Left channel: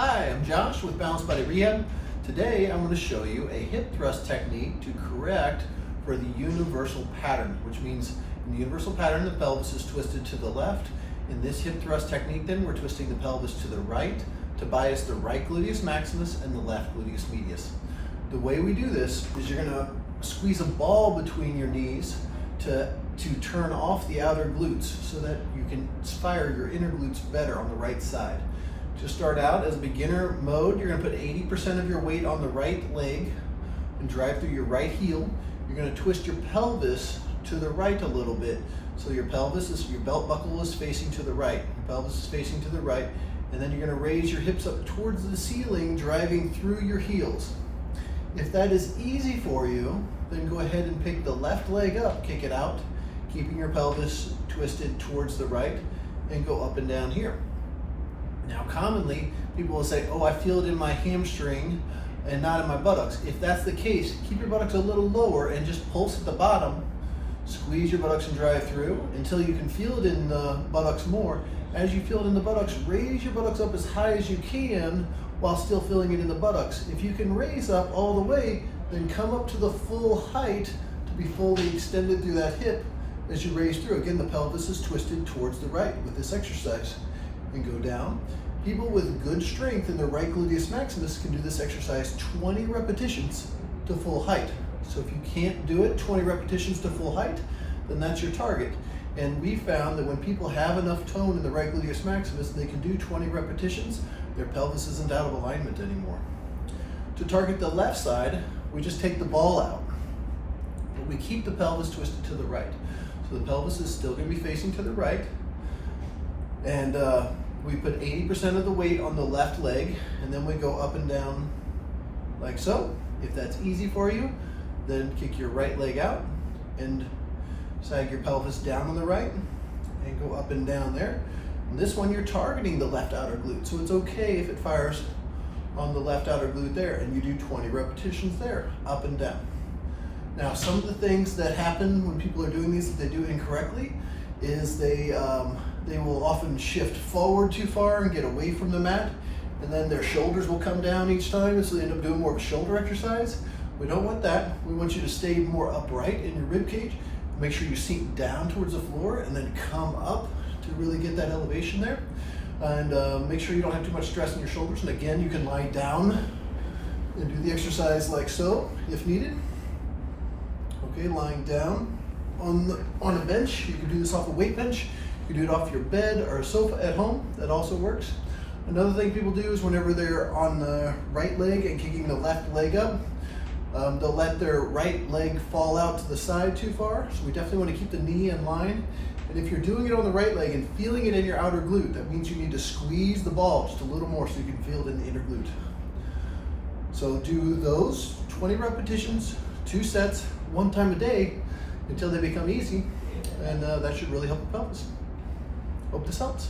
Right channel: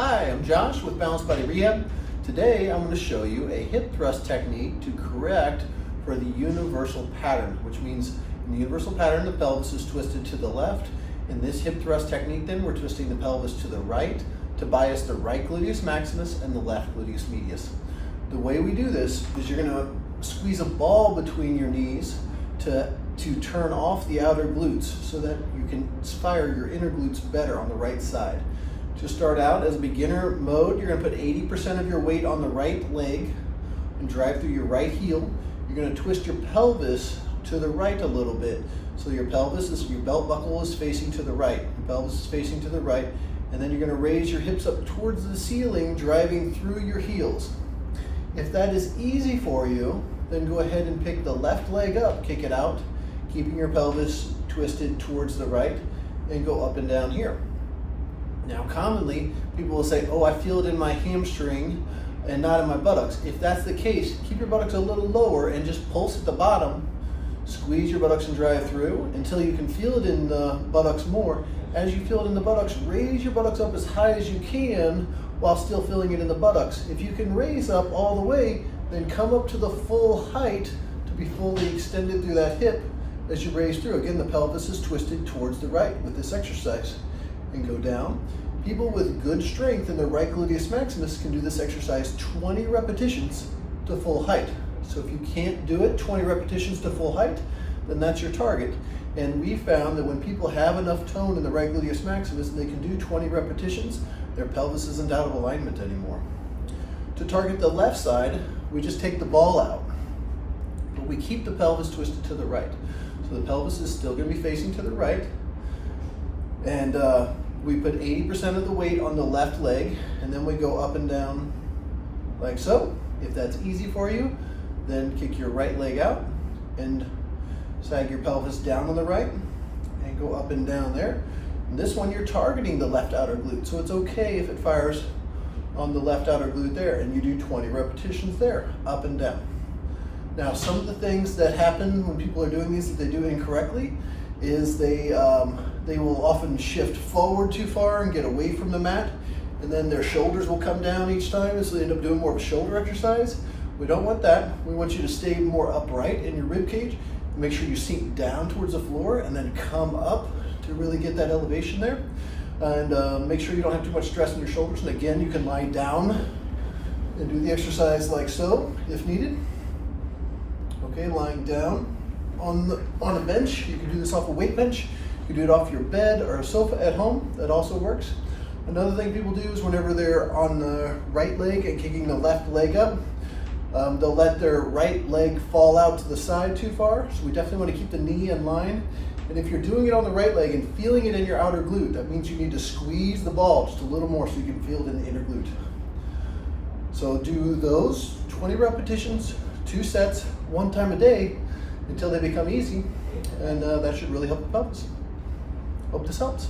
Hi, I'm Josh with Balanced Body Rehab. Today I'm going to show you a hip thrust technique to correct for the universal pattern, which means in the universal pattern the pelvis is twisted to the left. In this hip thrust technique then we're twisting the pelvis to the right to bias the right gluteus maximus and the left gluteus medius. The way we do this is you're going to squeeze a ball between your knees to turn off the outer glutes so that you can fire your inner glutes better on the right side. To start out as a beginner mode, you're going to put 80% of your weight on the right leg and drive through your right heel. You're going to twist your pelvis to the right a little bit. So your belt buckle is facing to the right. Your pelvis is facing to the right. And then you're going to raise your hips up towards the ceiling, driving through your heels. If that is easy for you, then go ahead and pick the left leg up, kick it out, keeping your pelvis twisted towards the right, and go up and down here. Now commonly, people will say, oh, I feel it in my hamstring and not in my buttocks. If that's the case, keep your buttocks a little lower and just pulse at the bottom. Squeeze your buttocks and drive through until you can feel it in the buttocks more. As you feel it in the buttocks, raise your buttocks up as high as you can while still feeling it in the buttocks. If you can raise up all the way, then come up to the full height to be fully extended through that hip as you raise through. Again, the pelvis is twisted towards the right with this exercise. And go down. People with good strength in the right gluteus maximus can do this exercise 20 repetitions to full height. So if you can't do it 20 repetitions to full height, then that's your target. And we found that when people have enough tone in the right gluteus maximus and they can do 20 repetitions, their pelvis isn't out of alignment anymore. To target the left side, we just take the ball out, but we keep the pelvis twisted to the right. So the pelvis is still going to be facing to the right. And we put 80% of the weight on the left leg, and then we go up and down like so. If that's easy for you, then kick your right leg out and sag your pelvis down on the right and go up and down there. And this one, you're targeting the left outer glute, so it's okay if it fires on the left outer glute there, and you do 20 repetitions there, up and down. Now, some of the things that happen when people are doing these that they do incorrectly is they will often shift forward too far and get away from the mat, and then their shoulders will come down each time, so they end up doing more of a shoulder exercise. We don't want that. We want you to stay more upright in your rib cage. Make sure you sink down towards the floor and then come up to really get that elevation there. And make sure you don't have too much stress in your shoulders. And again, you can lie down and do the exercise like so if needed. Okay, lying down on a bench. You can do this off a weight bench. You can do it off your bed or a sofa at home. That also works. Another thing people do is whenever they're on the right leg and kicking the left leg up, they'll let their right leg fall out to the side too far. So we definitely want to keep the knee in line. And if you're doing it on the right leg and feeling it in your outer glute, that means you need to squeeze the ball just a little more so you can feel it in the inner glute. So do those 20 repetitions, 2 sets, 1 time a day until they become easy. And that should really help the pelvis. Hope this helps.